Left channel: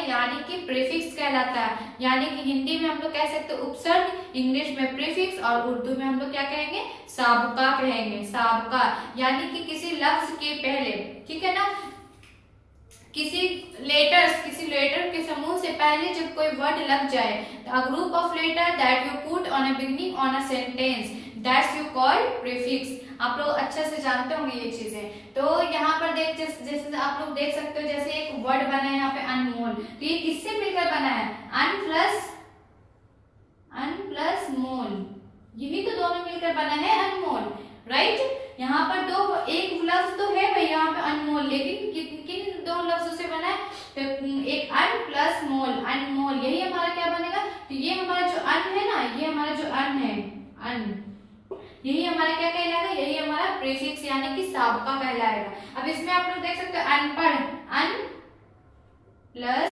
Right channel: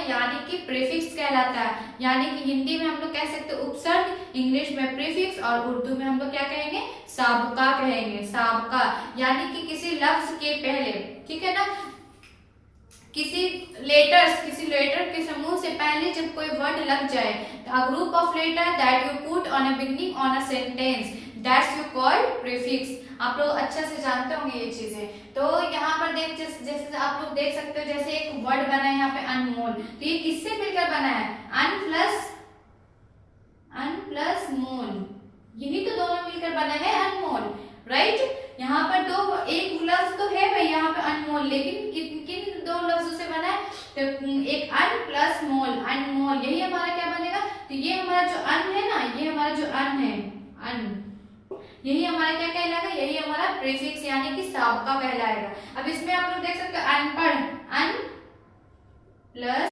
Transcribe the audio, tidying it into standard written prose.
है, यानी कि प्रीफिक्स कहलाता है। यानी कि हिंदी में हम लोग कह सकते हैं उपसर्ग, इंग्लिश में प्रीफिक्स और उर्दू में हम लोग क्या कहेंगे, साबका कहेंगे, साबका। यानी कि किसी लफ्ज के पहले, ठीक है ना, किसी लेटर के समूह से पहले जब कोई वर्ड लग जाए, a group of letter that you put on a beginning on a sentence, that's you call prefix. आप लोग अच्छे से जानते होंगे ये चीजें। तो यहाँ पर जैसे आप लोग देख सकते हो, जैसे एक वर्ड बना है यहाँ पे अनमोल, तो ये किससे मिलकर बना है, अन प्लस मोल, यही तो दोनों मिलकर बना है अनमोल, राइट। यहाँ पर दो, एक लफ्ज तो है भाई यहाँ पे अनमोल, लेकिन किन दो लफ्जों से बना है, तो एक अन प्लस मोल, अनमोल, यही हमारा क्या बनेगा। तो ये हमारा जो अन है ना, ये हमारा जो अन है, अन, यही हमारा क्या कहलाएगा, यही हमारा प्रीफिक्स यानी कि साबका कहलाएगा। अब इसमें आप लोग देख सकते हो अनपढ़, अन प्लस